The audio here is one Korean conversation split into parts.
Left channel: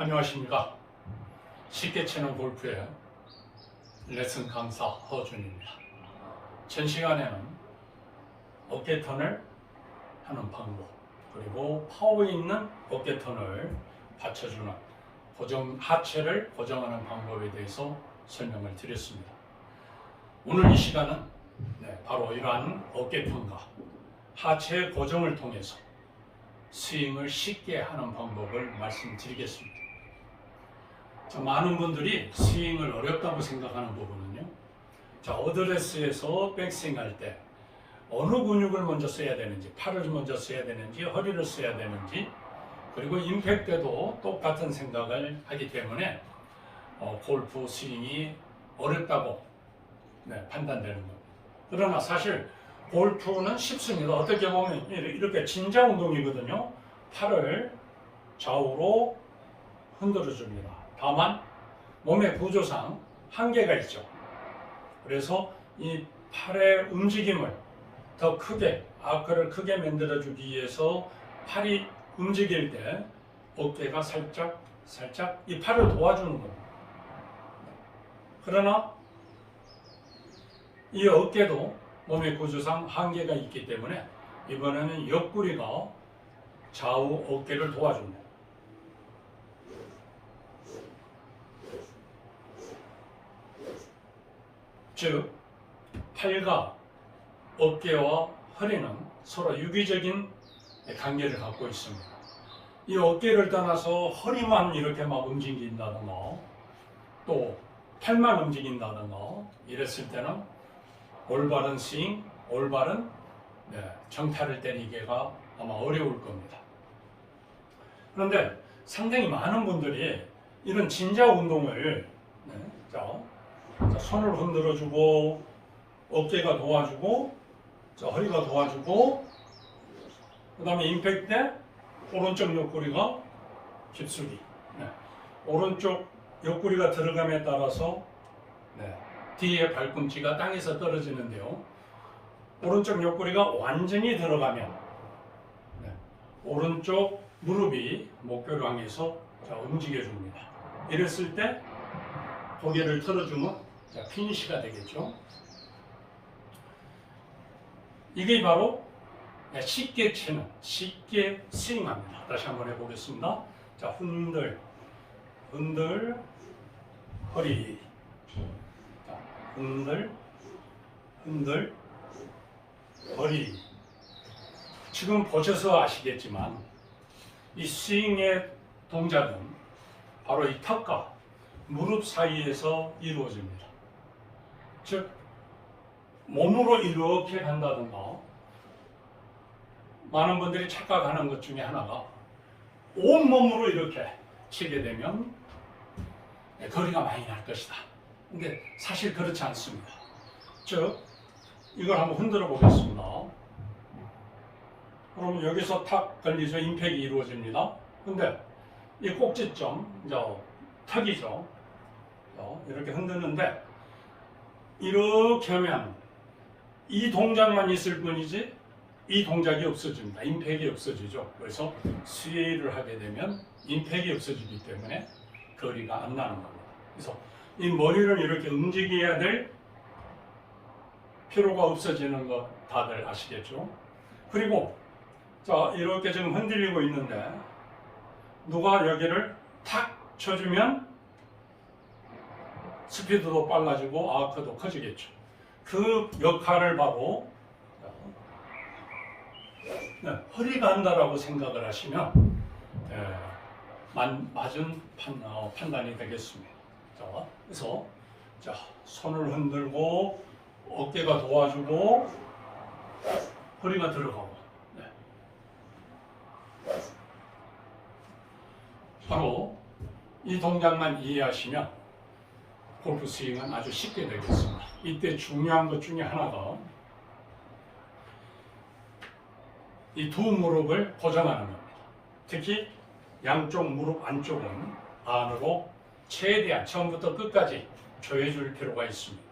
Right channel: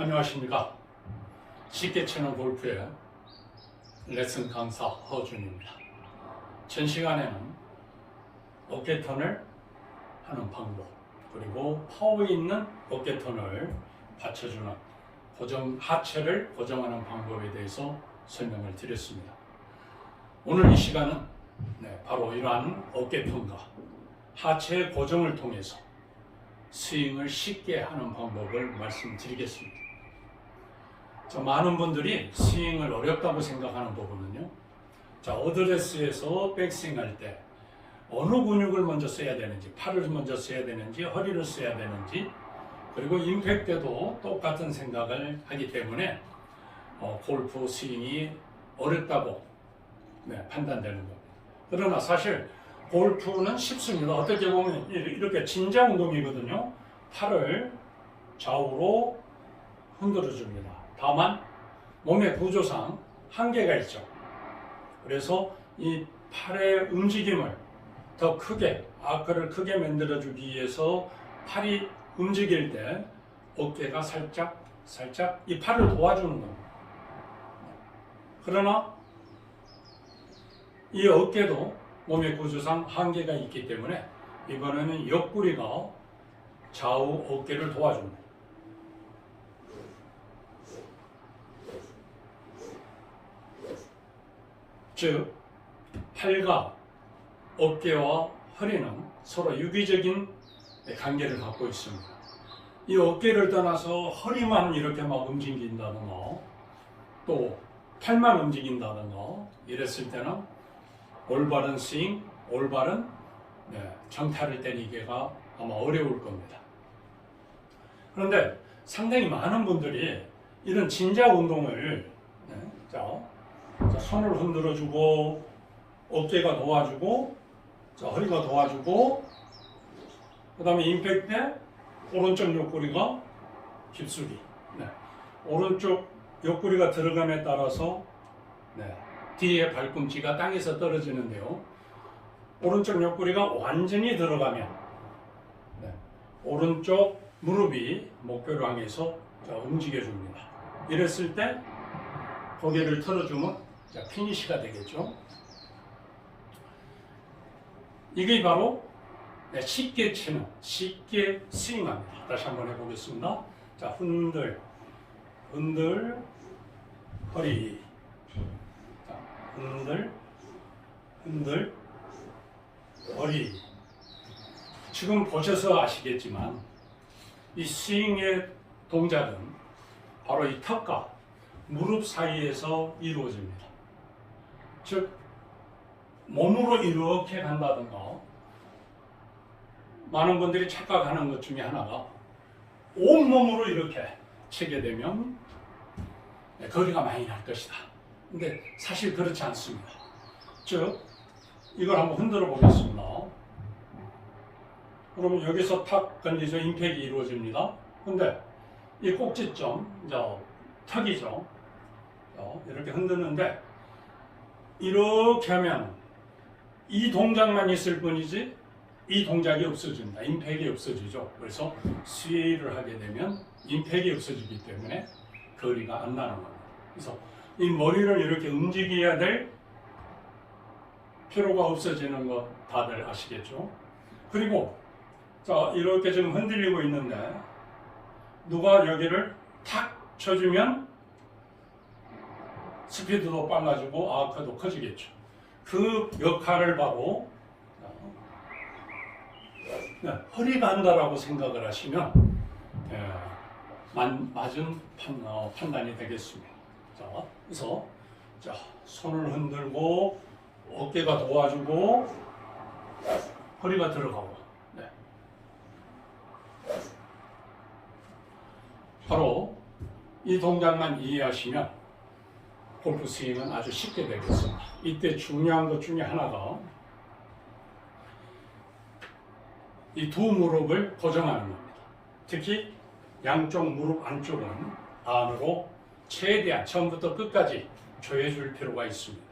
안녕하십니까. 쉽게 치는 골프의 레슨 강사 허준입니다. 전 시간에는 어깨턴을 하는 방법, 그리고 파워 있는 어깨턴을 받쳐주는 하체를 고정하는 방법에 대해서 설명을 드렸습니다. 오늘 이 시간은 바로 이러한 어깨턴과 하체 고정을 통해서 스윙을 쉽게 하는 방법을 말씀드리겠습니다. 많은 분들이 스윙을 어렵다고 생각하는 부분은요, 어드레스에서 백스윙 할 때 어느 근육을 먼저 써야 되는지, 팔을 먼저 써야 되는지, 허리를 써야 되는지, 그리고 임팩트 때도 똑같은 생각을 하기 때문에 골프 스윙이 어렵다고 판단되는 겁니다. 그러나 사실 골프는 쉽습니다. 어떻게 보면 이렇게 진자 운동이거든요. 팔을 좌우로 흔들어 줍니다. 다만 몸의 구조상 한계가 있죠. 그래서 이 팔의 움직임을 더 크게, 아크를 크게 만들어 주기 위해서 팔이 움직일 때 어깨가 살짝 이 팔을 도와주는 겁니다. 그러나 이 어깨도 몸의 구조상 한계가 있기 때문에 이번에는 옆구리가 좌우 어깨를 도와줍니다. 즉, 팔과 어깨와 허리는 서로 유기적인 관계를 갖고 있습니다. 이 어깨를 떠나서 허리만 이렇게 막 움직인다든가, 또 팔만 움직인다든가 이랬을 때는 올바른 스윙, 올바른 정타를 때리기가 아마 어려울 겁니다. 그런데 상당히 많은 분들이 이런 진자 운동을 손을 흔들어주고, 어깨가 도와주고, 허리가 도와주고, 그 다음에 임팩트 때 오른쪽 옆구리가 휩쓰기, 오른쪽 옆구리가 들어감에 따라서 뒤에 발꿈치가 땅에서 떨어지는데요, 오른쪽 옆구리가 완전히 들어가면 오른쪽 무릎이 목표를 향해서 움직여줍니다. 이랬을 때 고개를 틀어주면 피니시가 되겠죠. 이게 바로 쉽게 치는, 쉽게 스윙합니다. 다시 한번 해보겠습니다. 흔들, 허리, 흔들, 허리. 지금 보셔서 아시겠지만 이 스윙의 동작은 바로 이 턱과 무릎 사이에서 이루어집니다. 즉, 몸으로 이렇게 간다든가, 많은 분들이 착각하는 것 중에 하나가 온몸으로 이렇게 치게 되면 거리가 많이 날 것이다. 근데 사실 그렇지 않습니다. 즉, 이걸 한번 흔들어 보겠습니다. 그러면 여기서 탁 걸리죠. 임팩이 이루어집니다. 근데 이 꼭지점, 턱이죠. 이렇게 흔드는데, 이렇게 하면 이 동작만 있을 뿐이지 이 동작이 없어집니다. 임팩이 없어지죠. 그래서 스웨이를 하게 되면 임팩이 없어지기 때문에 거리가 안 나는 겁니다. 그래서 이 머리를 이렇게 움직여야 될 필요가 없어지는 거 다들 아시겠죠? 그리고 이렇게 지금 흔들리고 있는데, 누가 여기를 탁 쳐주면 스피드도 빨라지고 아크도 커지겠죠. 그 역할을 바로 허리가 한다라고 생각을 하시면 맞은 판단이 되겠습니다. 그래서 손을 흔들고, 어깨가 도와주고, 허리가 들어가고, 바로 이 동작만 이해하시면 골프 스윙은 아주 쉽게 되겠습니다. 이때 중요한 것 중에 하나가 이 두 무릎을 고정하는 겁니다. 특히 양쪽 무릎 안쪽은 안으로 최대한 처음부터 끝까지 조여줄 필요가 있습니다.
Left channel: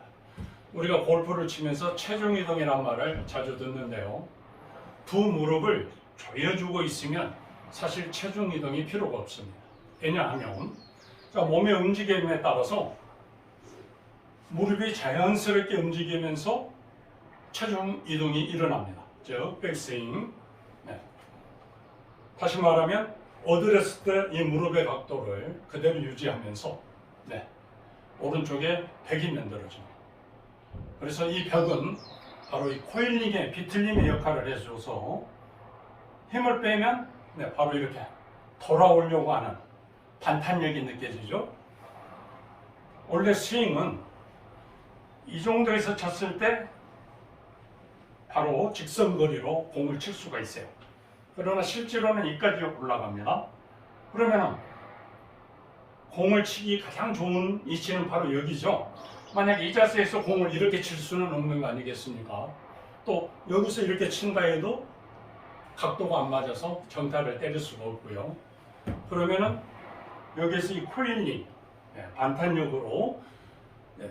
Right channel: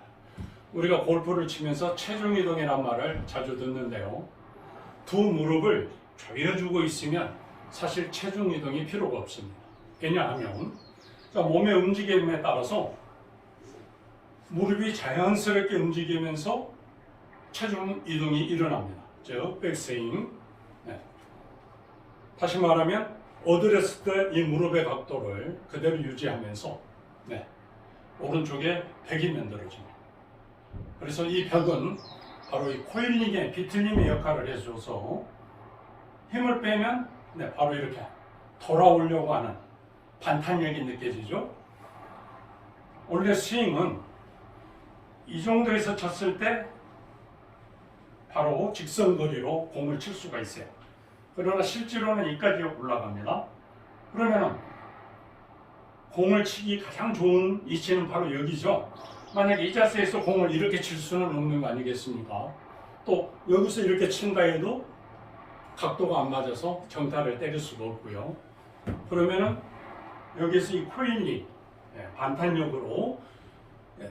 우리가 골프를 치면서 체중 이동이란 말을 자주 듣는데요, 두 무릎을 조여주고 있으면 사실 체중 이동이 필요가 없습니다. 왜냐하면 자, 몸의 움직임에 따라서 무릎이 자연스럽게 움직이면서 체중 이동이 일어납니다. 즉 백스윙. 네. 다시 말하면 엎드렸을 때 이 무릎의 각도를 그대로 유지하면서 네. 오른쪽에 벽이 만들어집니다. 그래서 이 벽은 바로 이 코일링의 비틀림의 역할을 해줘서 힘을 빼면 네, 바로 이렇게 돌아오려고 하는 반탄력이 느껴지죠. 원래 스윙은 이 정도에서 쳤을 때 바로 직선거리로 공을 칠 수가 있어요. 그러나 실제로는 이까지 올라갑니다. 그러면 공을 치기 가장 좋은 위치는 바로 여기죠. 만약에 이 자세에서 공을 이렇게 칠 수는 없는 거 아니겠습니까? 또 여기서 이렇게 친다 해도 각도가 안 맞아서 정타를 때릴 수가 없고요. 그러면은 여기서 이 코일링 반탄력으로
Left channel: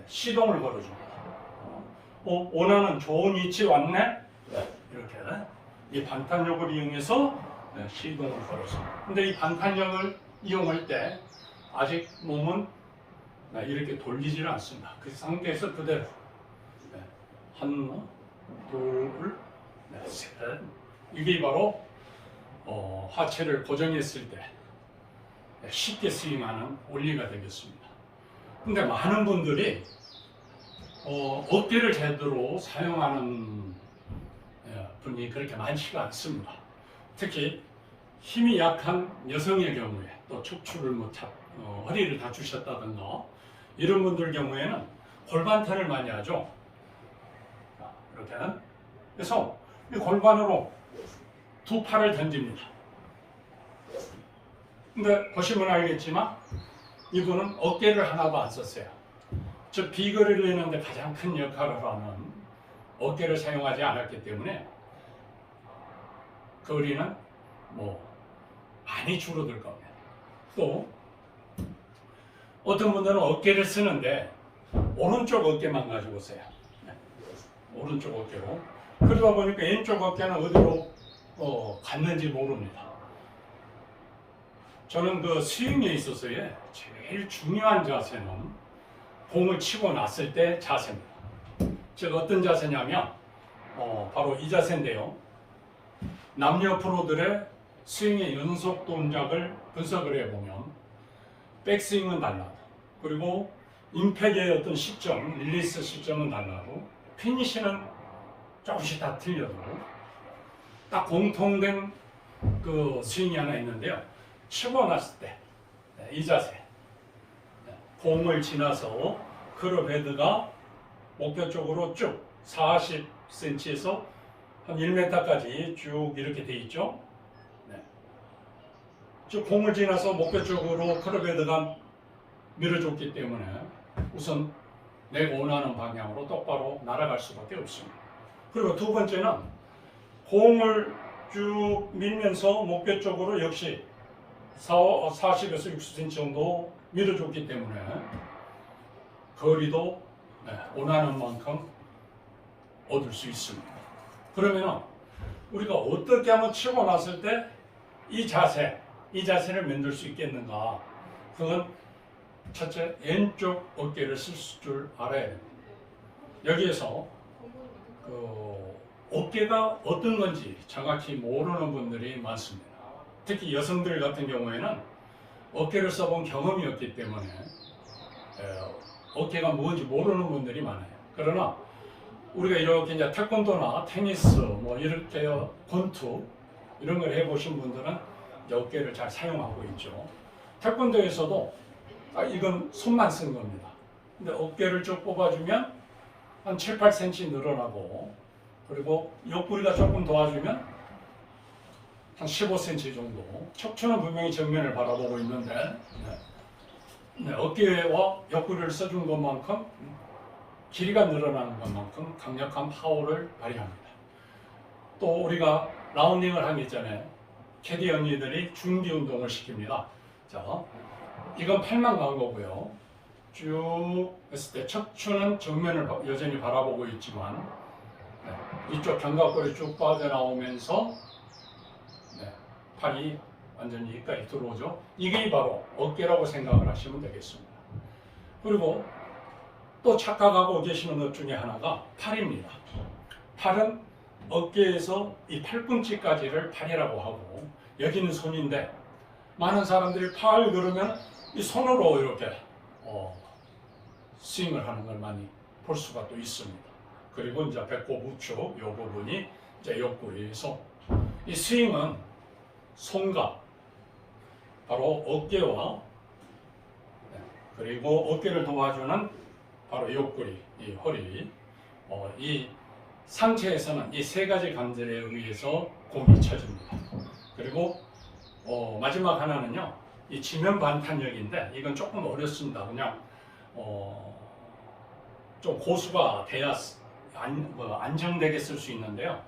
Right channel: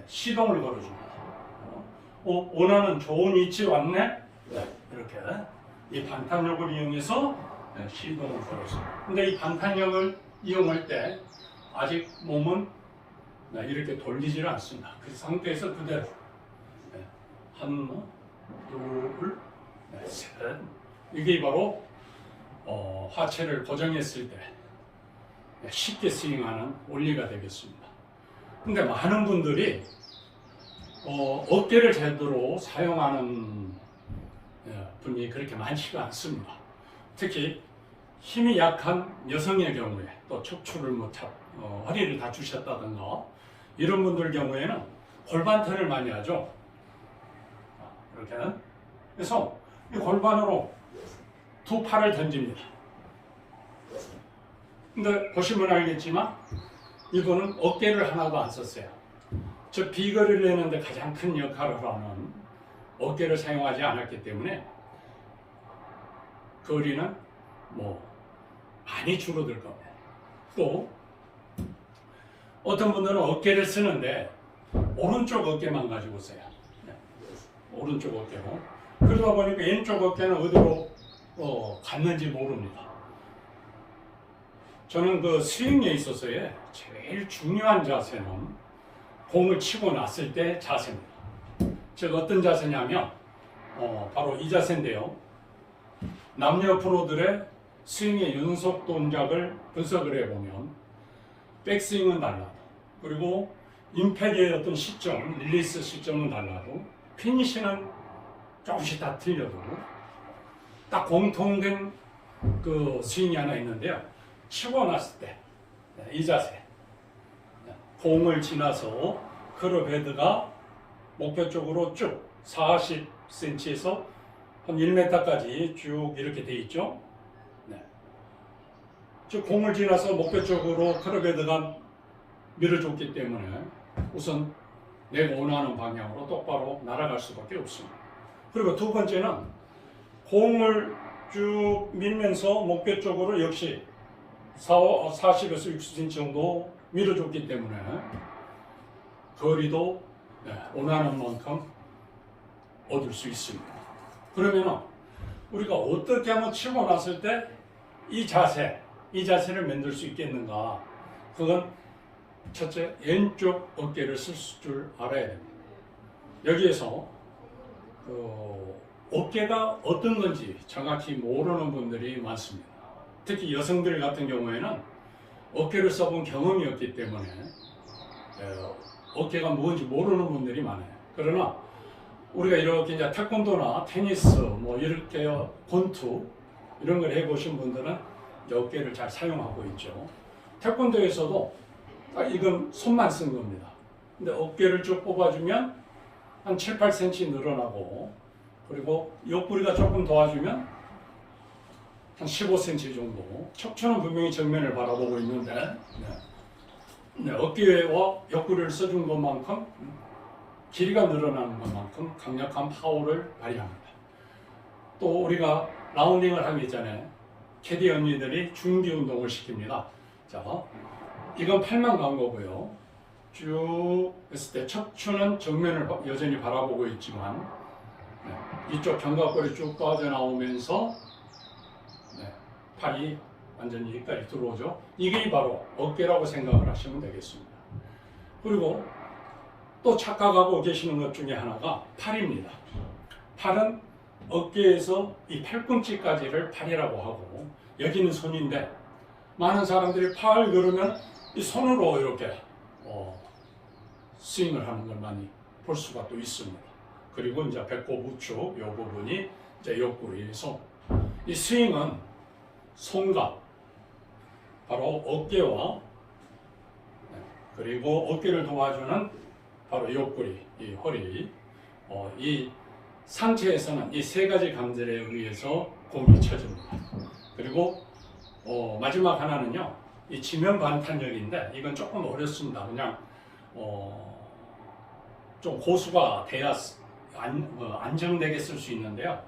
시동을 걸어줍니다. 원하는 좋은 위치에 왔네? 이렇게 이 반탄력을 이용해서 시동을 걸어서. 근데 이 반탄력을 이용할 때 아직 몸은 이렇게 돌리지를 않습니다. 그 상태에서 그대로 하나, 둘, 셋. 이게 바로 하체를 고정했을 때 쉽게 스윙하는 원리가 되겠습니다. 근데 많은 분들이 어깨를 제대로 사용하는 분이 그렇게 많지가 않습니다. 특히 힘이 약한 여성의 경우에 또 척추를 허리를 다치셨다든가 이런 분들 경우에는 골반탄을 많이 하죠. 이렇게. 그래서 이 골반으로 두 팔을 던집니다. 근데 보시면 알겠지만 이분은 어깨를 하나도 안 썼어요. 저 비거리를 내는데 가장 큰 역할을 하는 어깨를 사용하지 않았기 때문에 거리는 많이 줄어들 겁니다. 또 어떤 분들은 어깨를 쓰는데 오른쪽 어깨만 가지고 써요. 오른쪽 어깨로. 그러다 보니까 왼쪽 어깨는 어디로 갔는지 모릅니다. 저는 그 스윙에 있어서의 제일 중요한 자세는 공을 치고 났을 때 자세입니다. 즉 어떤 자세냐면 바로 이 자세인데요. 남녀 프로들의 스윙의 연속 동작을 분석을 해보면 백스윙은 달라도 그리고 임팩의 어떤 시점, 릴리스 시점은 달라도 피니시는 조금씩 다 틀려도 딱 공통된 그 스윙이 하나 있는데요. 치고 났을 때 이 자세, 공을 지나서 클럽 헤드가 목표 쪽으로 쭉 40cm에서 한 1m까지 쭉 이렇게 돼 있죠. 즉 공을 지나서 목표 쪽으로 클럽 헤드가 밀어줬기 때문에 우선 내가 원하는 방향으로 똑바로 날아갈 수밖에 없습니다. 그리고 두 번째는 공을 쭉 밀면서 목표 쪽으로 역시 40에서 60cm 정도 밀어줬기 때문에 거리도 원하는 만큼 얻을 수 있습니다. 그러면 우리가 어떻게 하면 치고 났을 때 이 자세를 만들 수 있겠는가? 그건 첫째, 왼쪽 어깨를 쓸 줄 알아야 됩니다. 여기에서 어깨가 어떤 건지 정확히 모르는 분들이 많습니다. 특히 여성들 같은 경우에는 어깨를 써본 경험이 없기 때문에 어깨가 뭔지 모르는 분들이 많아요. 그러나 우리가 이렇게 이제 태권도나 테니스 이렇게 권투 이런 걸 해보신 분들은 어깨를 잘 사용하고 있죠. 태권도에서도 이건 손만 쓴 겁니다. 근데 어깨를 쭉 뽑아주면 한 7, 8cm 늘어나고 그리고 옆구리가 조금 도와주면 한 15cm 정도. 척추는 분명히 정면을 바라보고 있는데 어깨와 옆구리를 써준 것만큼 길이가 늘어나는 것만큼 강력한 파워를 발휘합니다. 또 우리가 라운딩을 하기 전에 캐디 언니들이 준비 운동을 시킵니다. 자, 이건 팔만 간 거고요. 쭉 했을 때 척추는 정면을 여전히 바라보고 있지만 이쪽 견갑골이 쭉 빠져나오면서 팔이 완전히 여기까지 들어오죠. 이게 바로 어깨라고 생각을 하시면 되겠습니다. 그리고 또 착각하고 계시는 것 중에 하나가 팔입니다. 팔은 어깨에서 이 팔꿈치까지를 팔이라고 하고 여기는 손인데 많은 사람들이 팔 그러면 이 손으로 이렇게 스윙을 하는 걸 많이 볼 수가 또 있습니다. 그리고 이제 배꼽 우측 이 부분이 이제 옆구리 손. 이 스윙은 손과 바로 어깨와 그리고 어깨를 도와주는 바로 옆구리, 이 허리, 이 상체에서는 이 세 가지 감들에 의해서 공이 쳐집니다. 그리고 마지막 하나는요, 이 지면 반탄력인데 이건 조금 어렵습니다. 그냥 좀 고수가 돼야 안정되게 쓸 수 있는데요.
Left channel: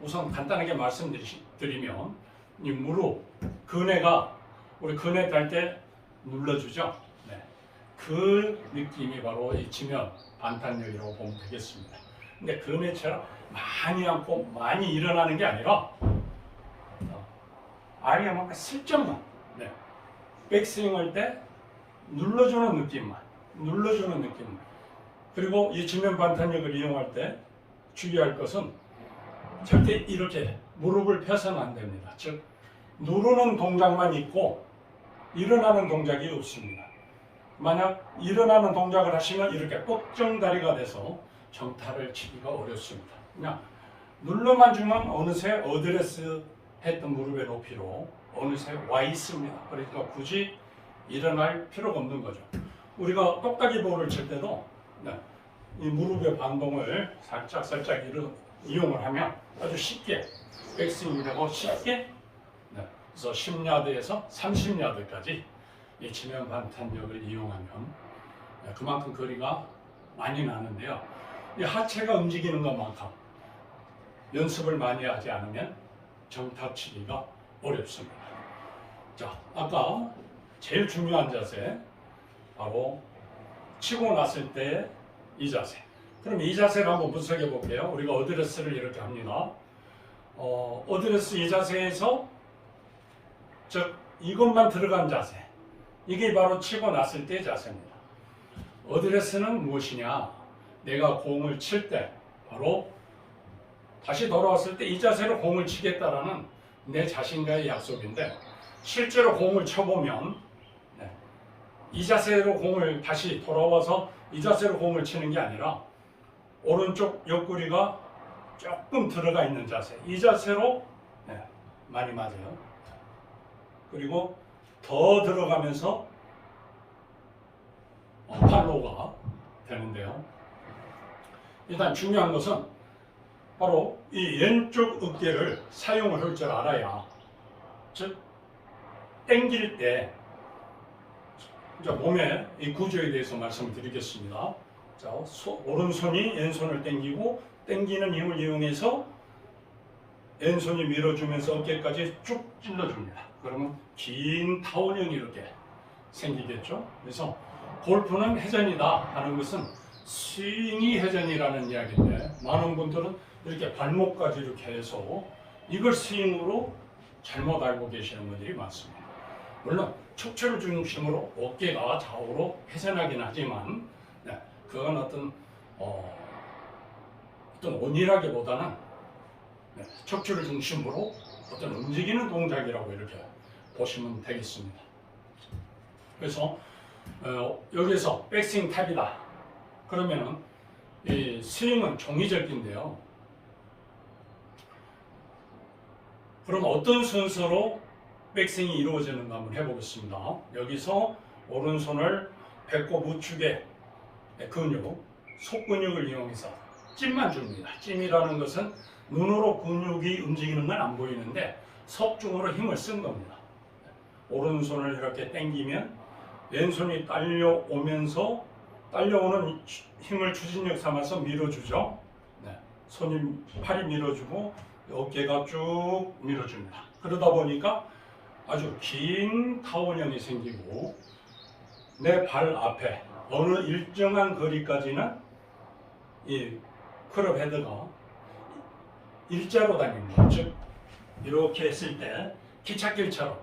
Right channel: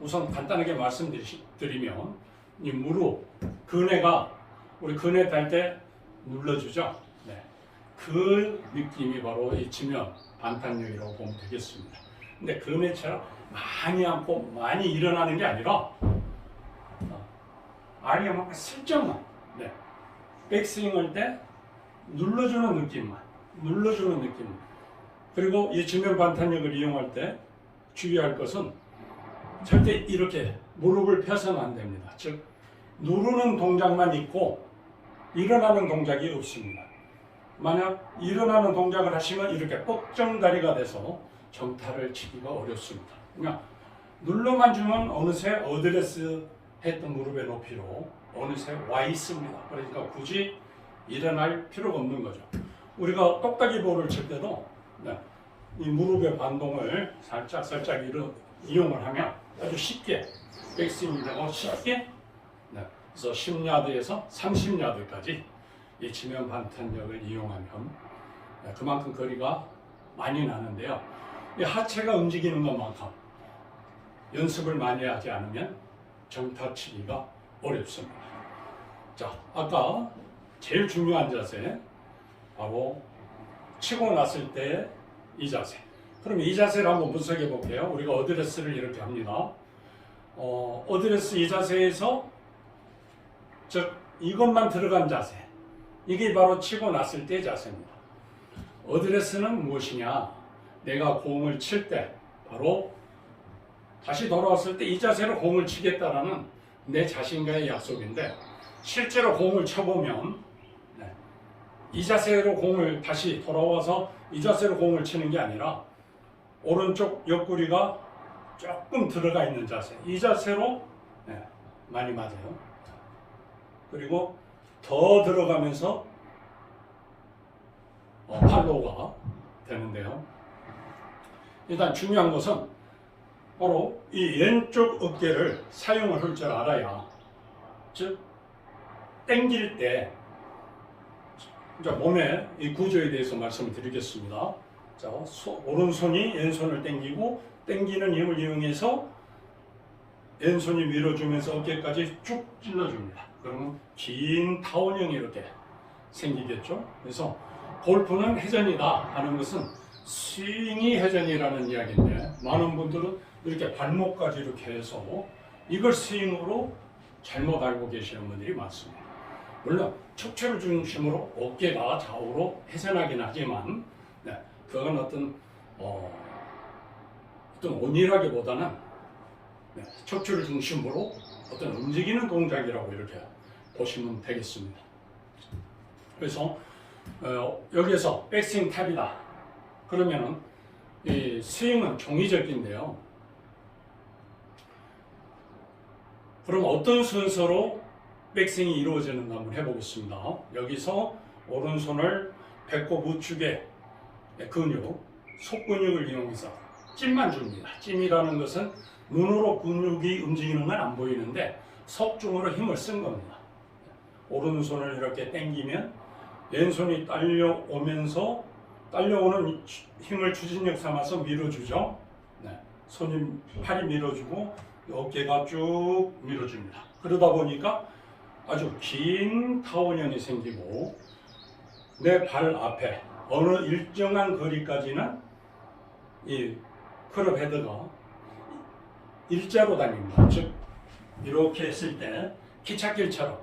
우선 간단하게 말씀드리면 이 무릎, 근해가 우리 근해 딸 때 눌러주죠. 네. 그 느낌이 바로 이 지면 반탄력이라고 보면 되겠습니다. 근데 근해처럼 많이 앉고 많이 일어나는 게 아니라 아리아만큼 슬쩍만 백스윙 할 때 눌러주는 느낌만 그리고 이 지면 반탄력을 이용할 때 주의할 것은 절대 이렇게 무릎을 펴서는 안 됩니다. 즉 누르는 동작만 있고 일어나는 동작이 없습니다. 만약 일어나는 동작을 하시면 이렇게 뻑정다리가 돼서 정타를 치기가 어렵습니다. 그냥 눌러만 주면 어느새 어드레스 했던 무릎의 높이로 어느새 와 있습니다. 그러니까 굳이 일어날 필요가 없는 거죠. 우리가 똑딱이 볼을 칠 때도 이 무릎의 반동을 살짝 이용을 하면 아주 쉽게 백스윙이 되고 쉽게 그래서 10야드에서 30야드까지 이 지면 반탄력을 이용하면 그만큼 거리가 많이 나는데요. 이 하체가 움직이는 것만큼 연습을 많이 하지 않으면 정타 치기가 어렵습니다. 자, 아까 제일 중요한 자세 바로 치고 났을 때 이 자세. 그럼 이 자세를 한번 분석해 볼게요. 우리가 어드레스를 이렇게 합니다. 어드레스 이 자세에서 즉 이것만 들어간 자세. 이게 바로 치고 났을 때 자세입니다. 어드레스는 무엇이냐? 내가 공을 칠 때 바로 다시 돌아왔을 때 이 자세로 공을 치겠다라는 내 자신과의 약속인데 실제로 공을 쳐보면 이 자세로 공을 다시 돌아와서 이 자세로 공을 치는 게 아니라 오른쪽 옆구리가 조금 들어가 있는 자세, 이 자세로 많이 맞아요. 그리고 더 들어가면서 팔로우가 되는데요. 일단 중요한 것은 바로 이 왼쪽 어깨를 사용을 할 줄 알아야, 즉 당길 때 이제 몸의 이 구조에 대해서 말씀을 드리겠습니다. 자, 오른손이 왼손을 당기고 당기는 힘을 이용해서 왼손이 밀어주면서 어깨까지 쭉 찔러줍니다. 그러면 긴 타원형이 이렇게 생기겠죠. 그래서 골프는 회전이다 하는 것은 스윙이 회전이라는 이야기인데 많은 분들은 이렇게 발목까지 이렇게 해서 이걸 스윙으로 잘못 알고 계시는 분들이 많습니다. 물론 척추를 중심으로 어깨가 좌우로 회전하긴 하지만 그건 어떤 온이라기보다는 척추를 중심으로 어떤 움직이는 동작이라고 이렇게 보시면 되겠습니다. 그래서 여기에서 백스윙 탑이다. 그러면은 이 스윙은 종이접기인데요. 그럼 어떤 순서로 백스윙이 이루어지는가 한번 해보겠습니다. 여기서 오른손을 배꼽 우측의 근육, 속근육을 이용해서 찜만 줍니다. 찜이라는 것은 눈으로 근육이 움직이는 건 안 보이는데 석중으로 힘을 쓴 겁니다. 오른손을 이렇게 당기면 왼손이 딸려오면서 딸려오는 힘을 추진력 삼아서 밀어주죠. 팔이 밀어주고 어깨가 쭉 밀어줍니다. 그러다 보니까 아주 긴 타원형이 생기고 내 발 앞에 어느 일정한 거리까지는 이 클럽 헤드가 일자로 다닙니다. 즉 이렇게 했을 때 기찻길처럼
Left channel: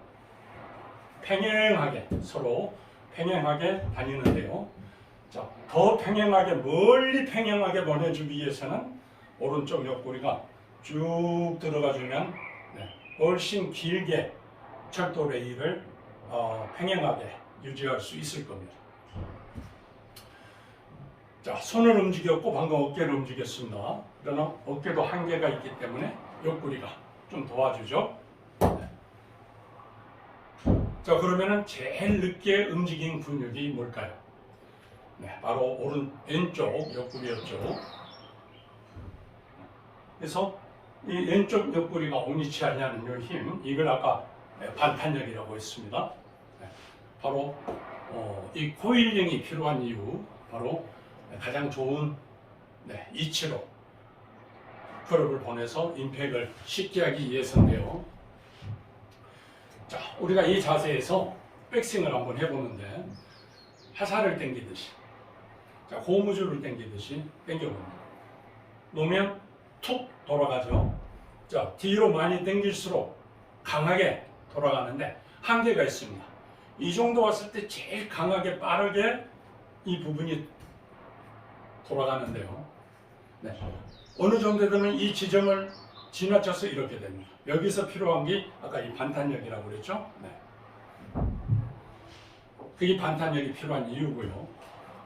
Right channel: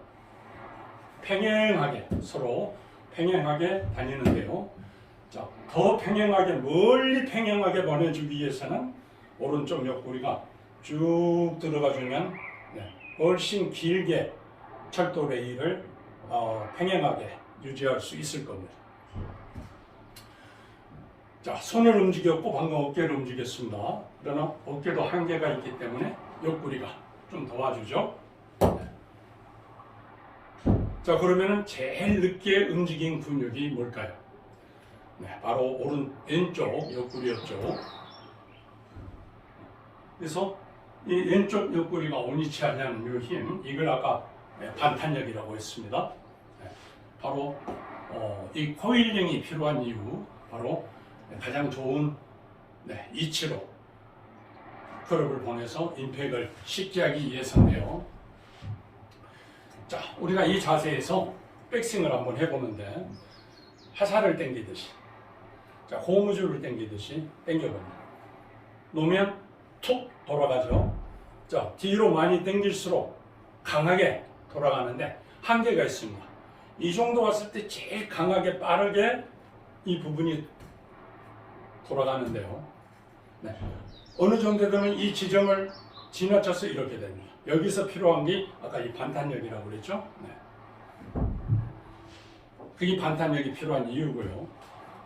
평행하게 서로 평행하게 다니는데요. 자, 더 평행하게 멀리 평행하게 보내주기 위해서는 오른쪽 옆구리가 쭉 들어가주면 훨씬 길게 철도 레일을 평행하게 유지할 수 있을 겁니다. 자, 손을 움직였고 방금 어깨를 움직였습니다. 그러나 어깨도 한계가 있기 때문에 옆구리가 좀 도와주죠. 자, 그러면은 제일 늦게 움직인 근육이 뭘까요? 바로 왼쪽 옆구리였죠. 그래서 이 왼쪽 옆구리가 온이치 하냐는 이 힘, 이걸 아까 반탄력이라고 했습니다. 바로 이 코일링이 필요한 이유, 바로 가장 좋은 이치로 클럽을 보내서 임팩을 쉽게 하기 위해서인데요. 자, 우리가 이 자세에서 백스윙을 한번 해보는데 화살을 당기듯이, 자, 고무줄을 당기듯이 당겨봅니다. 놓으면 툭 돌아가죠. 자, 뒤로 많이 당길수록 강하게 돌아가는데 한계가 있습니다. 이 정도 왔을 때 제일 강하게 빠르게 이 부분이 돌아가는데요. 어느 정도 되면 이 지점을 지나쳐서 이렇게 됩니다. 여기서 필요한 게 아까 이 반탄력이라고 그랬죠. 그게 반탄력이 필요한 이유고요.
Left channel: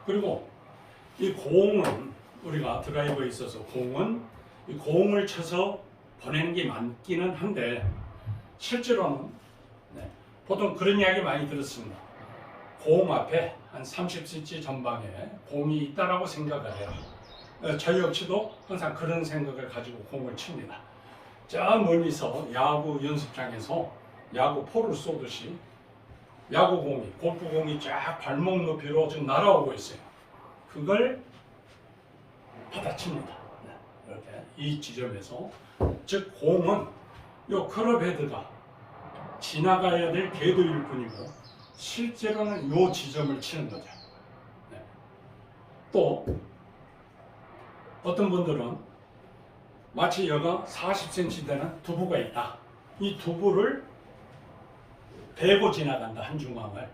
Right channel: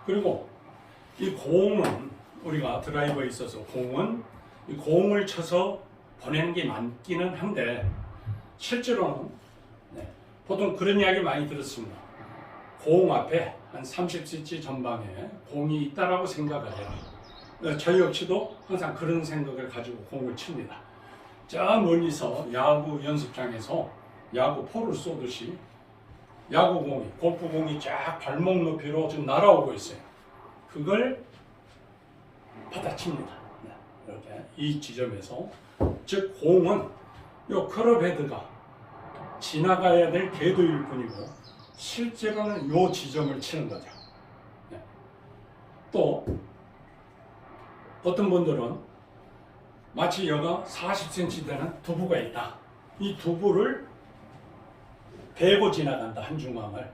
그리고 이 공은 우리가 드라이버에 있어서 공은 이 공을 쳐서 보내는 게 많기는 한데 실제로는 보통 그런 이야기 많이 들었습니다. 공 앞에 한 30cm 전방에 공이 있다라고 생각을 해요. 저 역시도 항상 그런 생각을 가지고 공을 칩니다. 저 멀리서 야구 연습장에서 야구포를 쏘듯이 야구공이, 골프공이 쫙 발목 높이로 지금 날아오고 있어요. 그걸 받아칩니다. 이렇게 이 지점에서, 즉 공은 요 클럽 헤드가 지나가야 될 궤도일 뿐이고 실제로는 요 지점을 치는 거죠. 또 어떤 분들은 마치 여가 40cm 되는 두부가 있다. 이 두부를 베고 지나간다, 한 중앙을.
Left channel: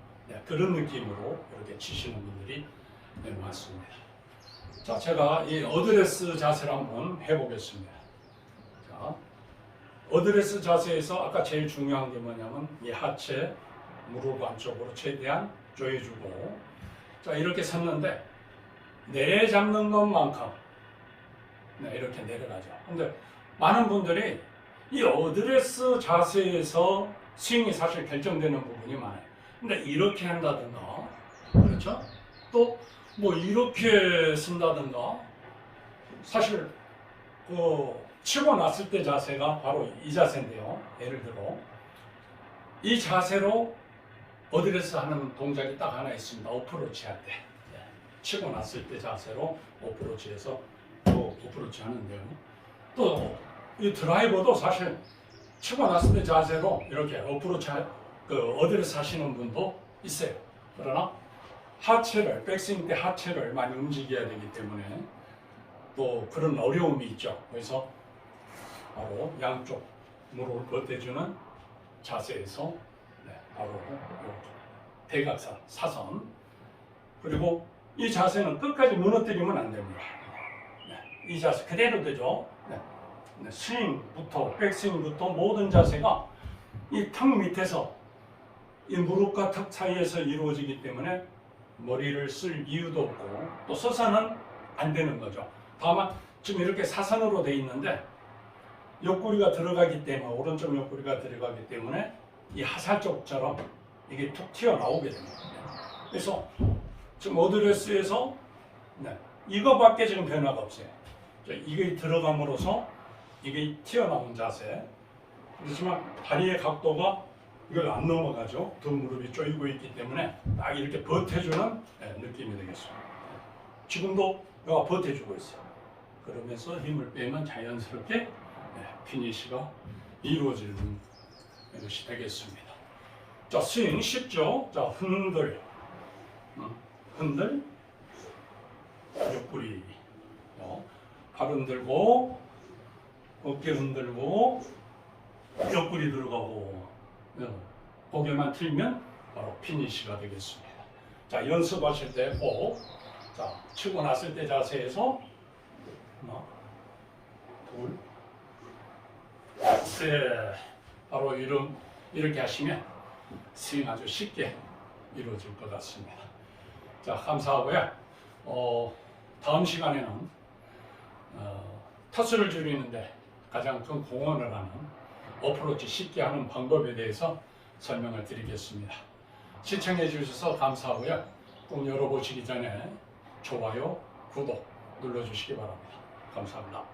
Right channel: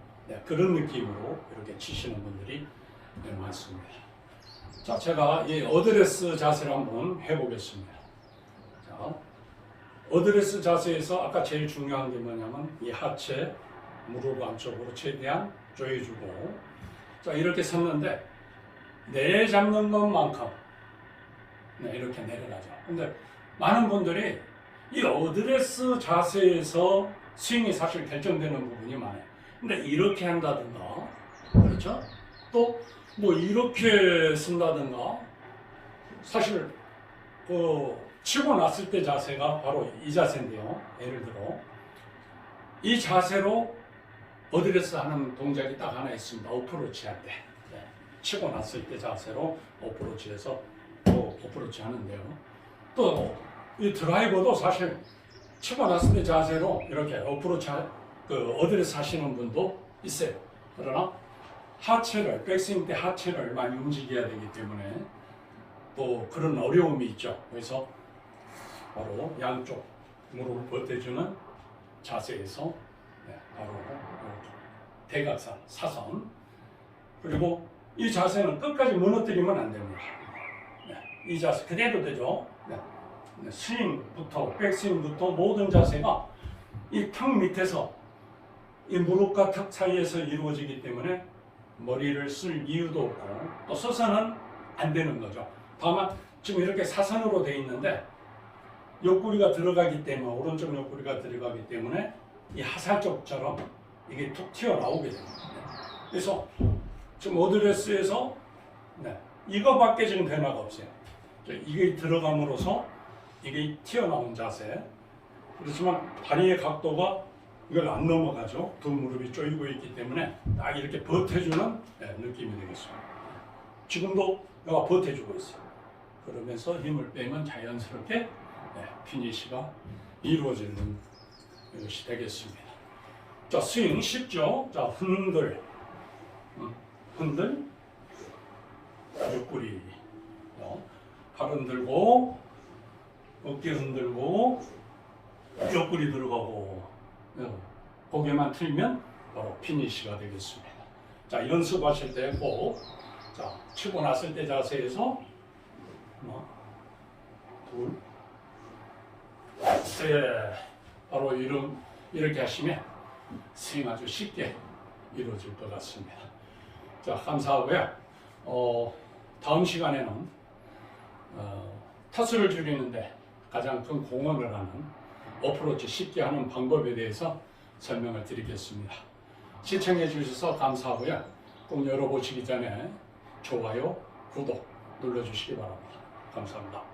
그런 느낌으로 이렇게 치시는 분들이 많습니다. 자, 제가 이 어드레스 자세를 한번 해보겠습니다. 자, 어드레스 자세에서 아까 제일 중요한 게 뭐냐면 이 하체, 무릎 안쪽으로 최대한 조여주고, 자, 이렇게 섰는데 내잡는 것만큼 이렇게 내려가죠. 근데 많은 분들이 이 어드레스 자세에서 스윙이 사실 결정되는 부분이 많아요. 근데 이렇게 한다든가, 그렇죠? 또 뭐 이렇게 쓴다든가, 사실 그 치고 났을 때 자세가 바로 이 자세인데요. 예를 들어 이 자세로 어드레스 하는 동작이 딱 하나 있습니다. 어프로치 할 때, 치고 났을 때 자세로 어프로치해서 또 어프로치 하는데요. 또 이 드라이버도 사실 치고 났을 때 자세로 이렇게 어프로치 어드레스 하시는 분도 있어요. 그러나 하체를, 백스윙 때 하체를 많이 움직여야 되기 때문에 또 그런 어려움이 있죠. 그래서 바로 양쪽 무릎을 버텨주는 자세에서 바로 대각선, 사선, 그리고 이 자세는 끝까지 무너뜨리면 안 됩니다. 이 자세 그대로 되죠. 스윙부터 백스윙부터 모든 자세가 이 턱 밑에서 이 무릎과 턱 사이에서 이루어지기 때문에 머리를 쓸 이유도 없고 또 서서는 안 되는 거죠. 다만 지금 이렇게 사선으로 돼 있는데 옆구리가 들어가기 때문에, 오른쪽 옆구리가 들어가기 때문에 이 하살 쪽처럼 이게 툭 튀어나오게 됩니다. 그래서 지금 어드레스에서 이거밖에 지금 변화가 없어요. 이게 들어감으로써 이게 튀어나온 자세. 그렇지만 다리의 각도가 이걸 안 넘어가죠. 두 무릎이 조이고 있기 때문에 딱 이렇게 버텨주는 느낌이 되겠습니다. 지금도 여가 버텨주고 있어요. 그러면서 힘을 빼면 자연스럽게 피니시가 이루어지는 것이 되겠습니다. 자, 스윙 쉽죠? 자, 흔들, 옆구리, 팔 흔들고, 어깨 흔들고, 옆구리 들어가고, 고개만 틀면 바로 피니시가 되겠습니다. 자, 연습하실 때 꼭, 자, 치고 났을 때 자세에서 하나, 둘, 셋, 바로 이렇게 하시면 스윙 아주 쉽게 이루어질 것 같습니다. 자, 감사하고요. 다음 시간에는 타수를 줄이는데 가장 큰 공헌을 하는 어프로치 쉽게 하는 방법에 대해서 설명을 드리겠습니다. 시청해 주셔서 감사하고요. 꼭 열어보시기 전에 좋아요, 구독 눌러주시기 바랍니다. 감사합니다.